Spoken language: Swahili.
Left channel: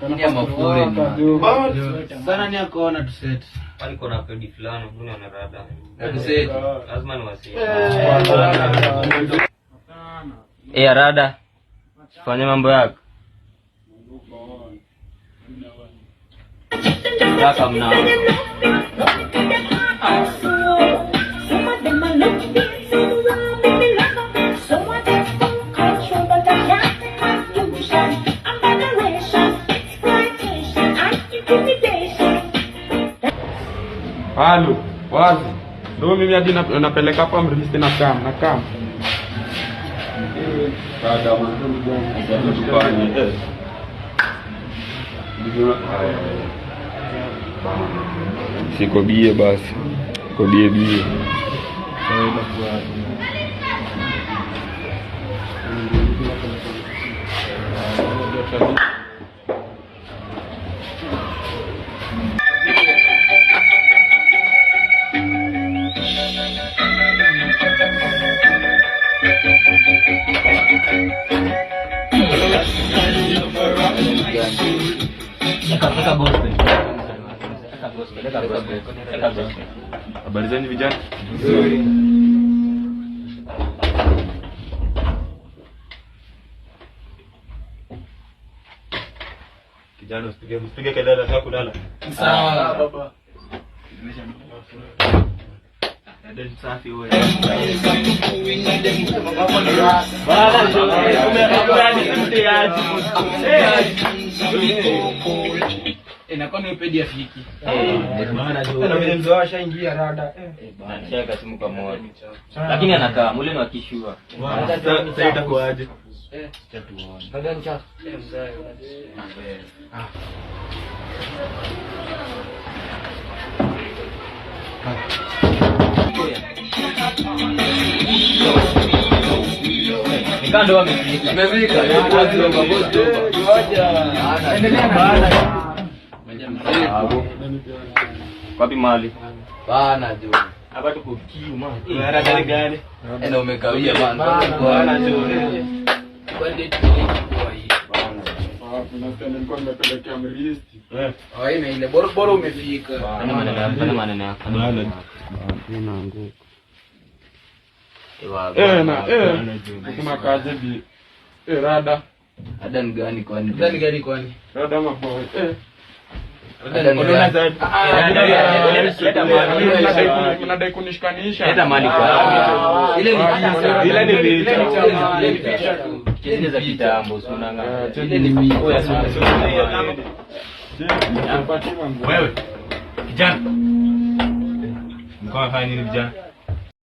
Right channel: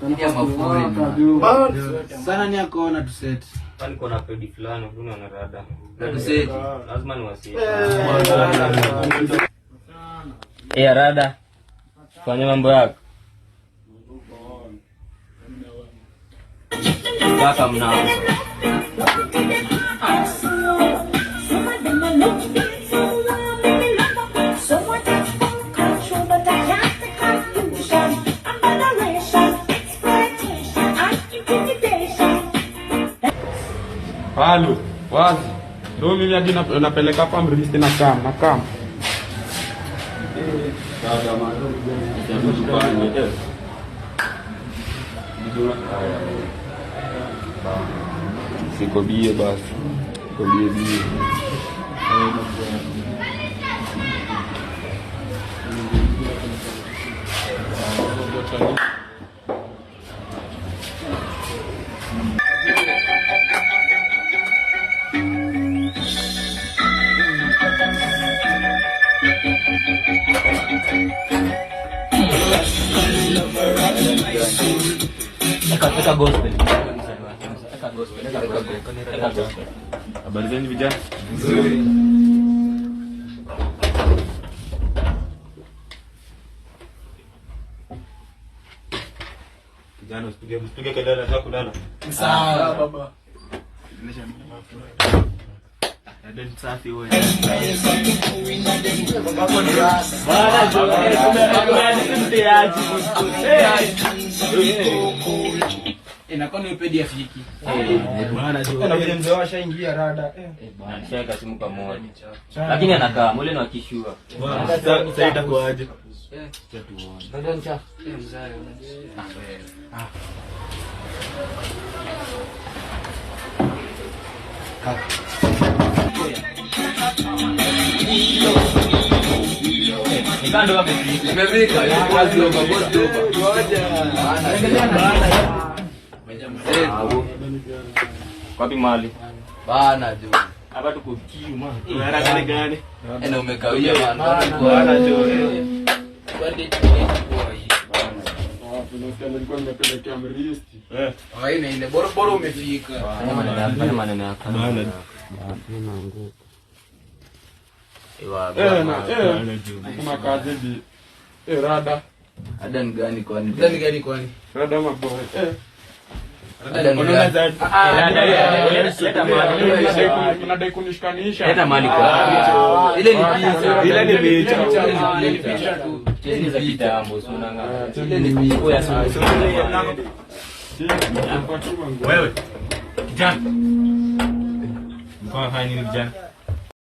Kana mafuri ni. Sana ni akaona tu set. Kwani kuna pedi fulani unaona rada. Na set. Lazima ni wasi. Rada. Fanya mambo yako. Kaka mnao. Halo, wazi. Ndio mimi hadi napeleka hapa mrisi na kam. Sikodie basi. Kodie bie. Eka gospel. Habari zenu vijana? Nzuri. Kijana usipige kelele nataka kulala. Sawa baba. Ndio safi wewe. Inakuwa ni pedi afiki. Na vile mzee ashaingia rada. Bwana shaka simu kwa moja. Lakini anakaa mule ni wakishua. Sasa itakuaje? Ndio mcha. Nikando wamefika. Nimefika. Wazi wa boss dopa. Endelea bana. Wapi mali? Bana jo. Hapa tuko kiu man. Haraka gani? Na umekawia bana. Bana jo. Kwani kwa hii bana. Tunastahili nilikuwa nimepelekea mrisi. Haina ile bora umefika. Ana maneno yako. Bana. Nina nguo. Kuna kazi bi. Rada. Ada ni gani kwani? Rada maboy. Mnadai kunishikanisha. Leta mali kwa. Ile ni picha tu. Kesi za kitambo sunanga. Ile ni picha ya sana. Wewe. Kijana. Mko fanya nini vijana?